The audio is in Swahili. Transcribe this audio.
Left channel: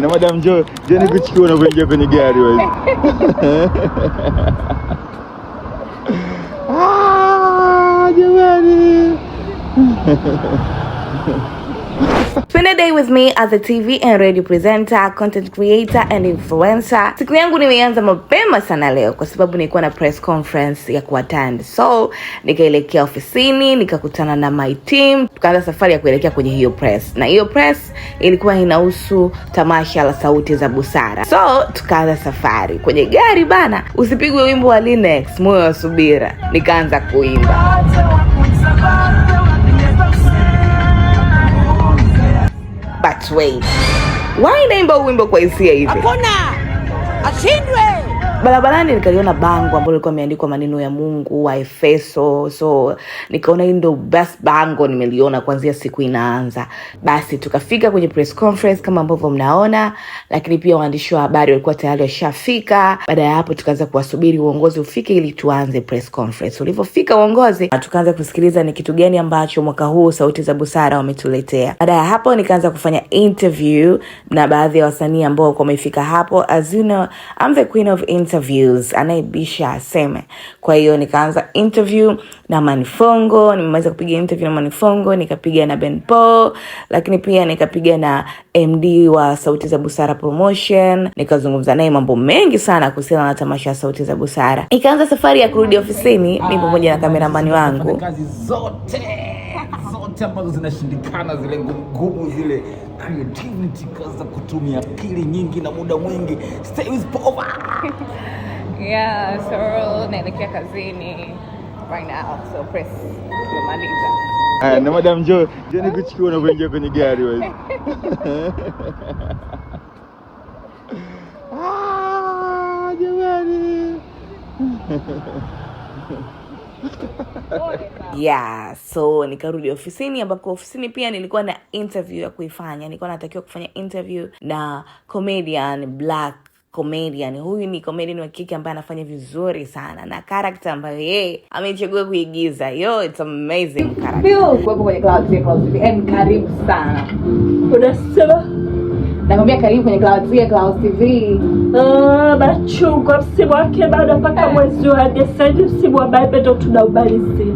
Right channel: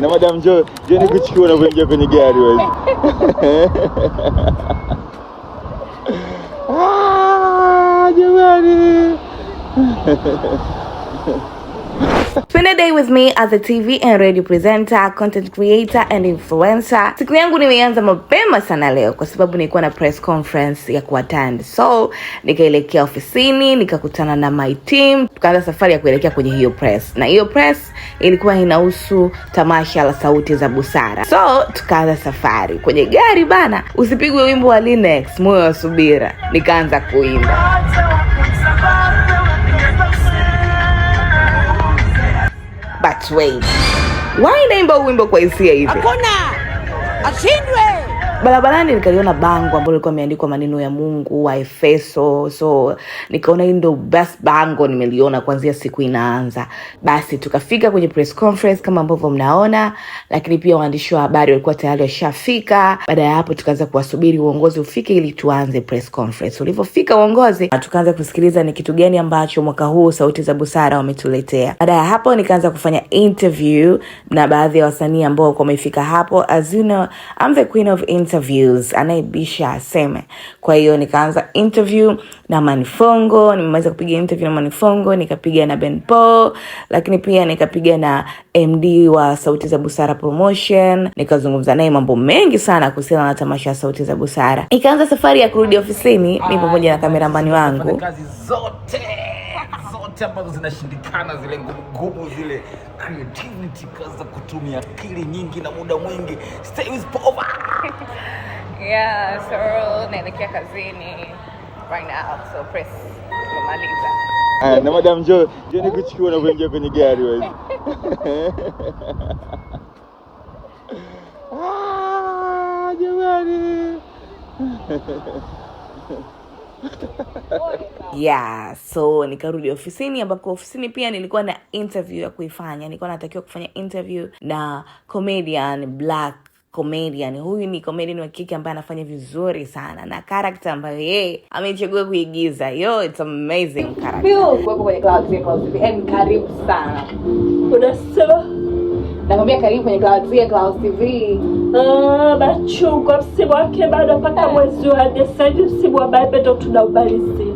Na madam Jo, je nikuchukua unapoingia kwenye gari wewe. Jamani. Spend a day with me as a TV and radio presenter, content creator and influencer. Siku yangu nimeanza mapema sana leo kwa sababu nilikuwa na press conference ya kuattend. So, nikaelekea ofisini, nikakutana na my team, tukaanza safari ya kuelekea kwenye hiyo press. Na hiyo press ilikuwa inahusu tamasha la Sauti za Busara. So, tukaanza safari. Kwenye gari bana, usipigwe wimbo wa Linux, moyo wa subira. Nikaanza kuimba. But wait, why naimba wimbo kwa hisia hivi? Hakuna ashindwe. Barabarani nikaliona bango ambalo lilikuwa limeandikwa maneno ya Mungu wa Efeso. So nikaona hii ndio best bango nimeliona kuanzia siku inaanza. Basi tukafika kwenye press conference kama ambavyo mnaona, lakini pia waandishi wa habari walikuwa tayari washafika. Baada ya hapo tukaanza kuwasubiri uongozi ufike ili tuanze press conference. Ulipofika uongozi, tukaanza kusikiliza ni kitu gani ambacho mwaka huu Sauti za Busara wametuletea. Baada ya hapo nikaanza kufanya interview na baadhi ya wasanii ambao wamefika hapo. As you know, I'm the queen of interviews, anaibisha aseme. Kwa hiyo nikaanza interview na Manifongo, nimeweza kupiga interview na Manifongo, nikapiga na Ben Paul, lakini pia nikapiga na MD wa Sauti za Busara Promotion, nikazungumza naye mambo mengi sana kuhusiana na tamasha ya Sauti za Busara. Ikaanza safari ya kurudi ofisini, mimi pamoja na kameramani wangu. Kazi zote ambazo zinashindikana, zile ngumu, zile creativity, kaza kutumia akili nyingi na muda mwingi. Stay with power. Yeah, so naelekea kazini right now. So press kumaliza. Na madam Jo, je nikuchukua unapoingia kwenye gari wewe. Jamani. Yeah, so nikarudi ofisini, ambako ofisini pia nilikuwa na interview ya kuifanya. Nilikuwa natakiwa kufanya interview na comedian, black comedian. Huyu ni comedian wa kike ambaye anafanya vizuri sana na character ambayo yeye amechagua kuigiza. Yo, it's amazing character. Kwa kwenye Clouds TV. Karibu sana. Unasema Nakwambia karibu kwenye Clouds TV. Bachungu msimu wake bado mpaka mwezi wa Desemba, msimu wa Bible ndo tunaubalizi.